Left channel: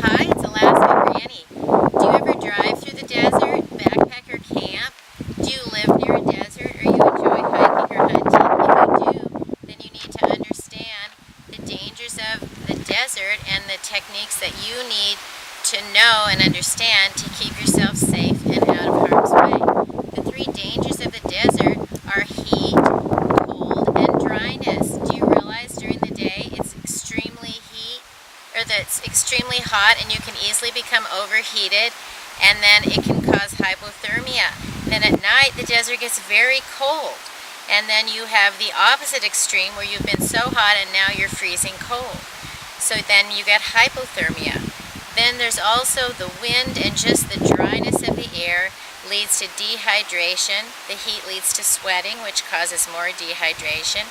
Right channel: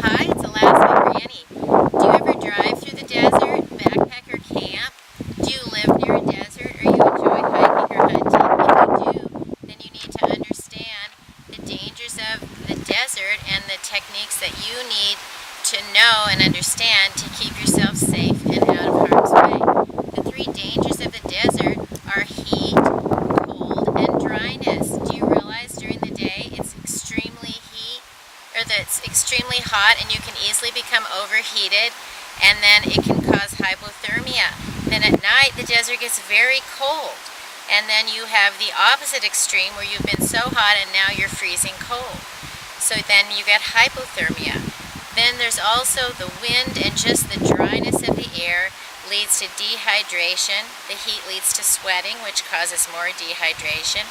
Hi, it's Alaska Granny. Do you ever drive through the desert, backpack or camp? Do you live near a desert or you enjoy hiking or hunting? If you do, then you need to understand the dangers of the desert and the techniques that you need to know and understand to keep yourself safe and out of harm's way. The three dangers of the desert are heat, cold, and dryness. Do you realize during the day it's extremely that's extremely hot and you can easily become overheated, and then it can cause hypothermia. Then at night the desert gets very cold, and then you have the opposite extreme where you've been so hot and now you're freezing cold. So then you get hypothermia. Then there's also the wind, and just the dryness of the air leads to dehydration. The heat leads to sweating, which causes more dehydration.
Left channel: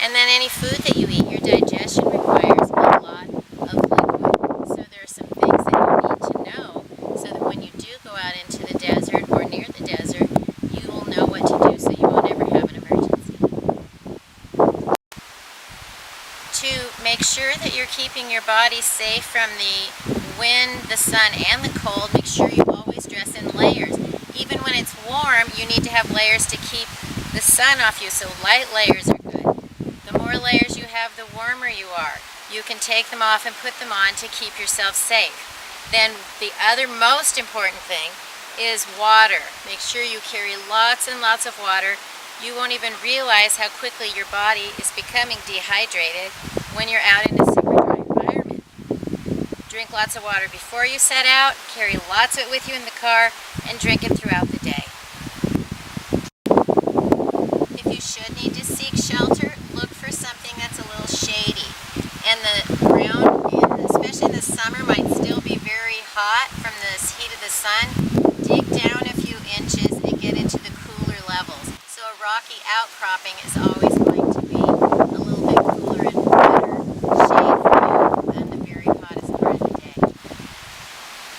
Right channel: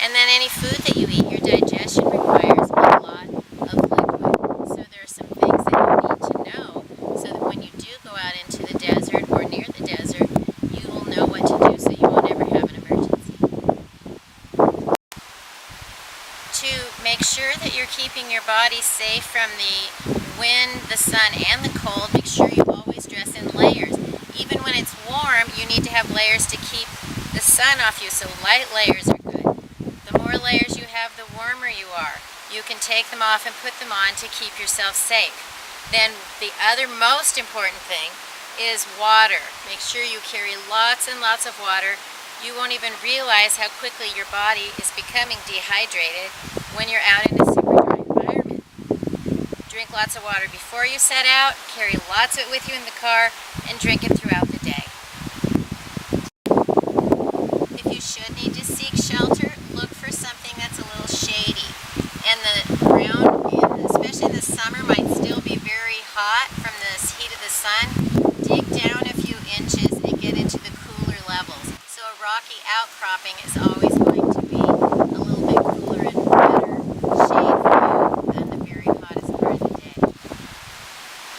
And then any food that you eat, your digestion requires a lot of liquid. So there are some things that you need to know so that when you do go out into the desert or near the desert, you will know what to do so you won't ever have an emergency. To make sure that you're keeping your body safe from the wind, the sun, and the cold, make sure you always dress in layers. Even when it's warm, you need to have layers to keep the sun off you, so light layers are good. The more layers you have, the warmer you are. You can take them off and put them on to keep yourself safe. Then the other most important thing is water. Make sure you carry lots and lots of water. You won't even realize how quickly your body is becoming dehydrated when you're out in a super dry environment. Drink lots of water before you set out, carry lots of it with you in the car, and drink it throughout the day. If you should need to seek shelter, look for something that's a little shady. And the ground, especially in the summer, might still be very hot from the heat of the sun. Dig down a few inches and get into the cooler levels. So a rocky outcropping is always going to be a little bit cooler and better shade for you than the very hottest part of the day.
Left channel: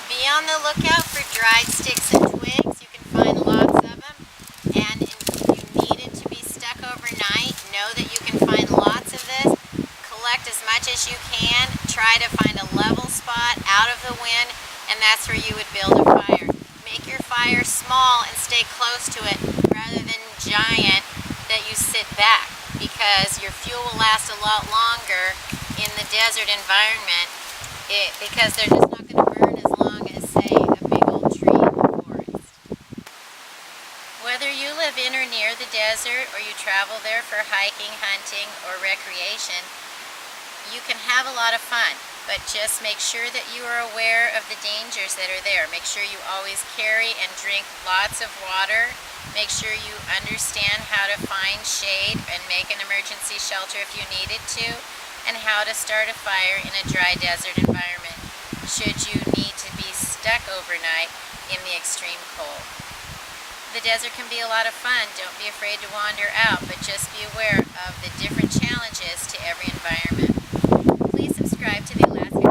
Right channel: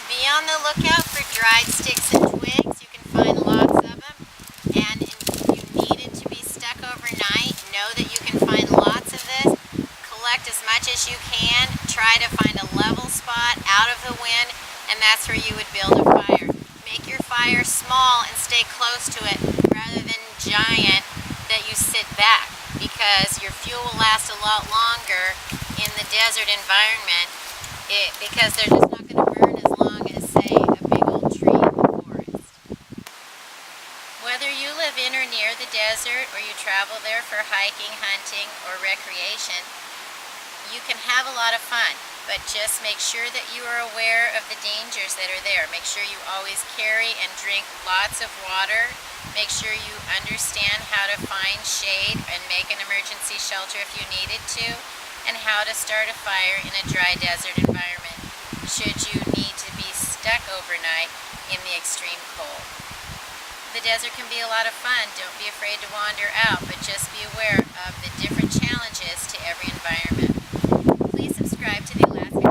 Be on the lookout for dried sticks and twigs. You can find lots of them. And if you needed to be stuck overnight, know that you can find lots of this. Collect as much as you can. Try to find a level spot out of the wind, and that's where you would build a fire. Make your fire small and stay close to it rather than giant that you sit back, because your fuel will last a lot longer in the desert environment because they're just not going to burn as long as, say, a big old tree in the forest. Whether you live in or near the desert or you travel there for hiking, hunting, or recreation, you can have a lot of fun. But just make sure that you are aware of the dangers that are there. Make sure you always carry and drink lots of water. Make sure you understand how to find shade and make an emergency shelter if you needed to, and how to start a fire in a dry desert environment should you need to be stuck overnight in the extreme cold. The desert can be a lot of fun. Don't be afraid to wander out, but just be aware of the different challenges to every environment. Please subscribe to the Alaska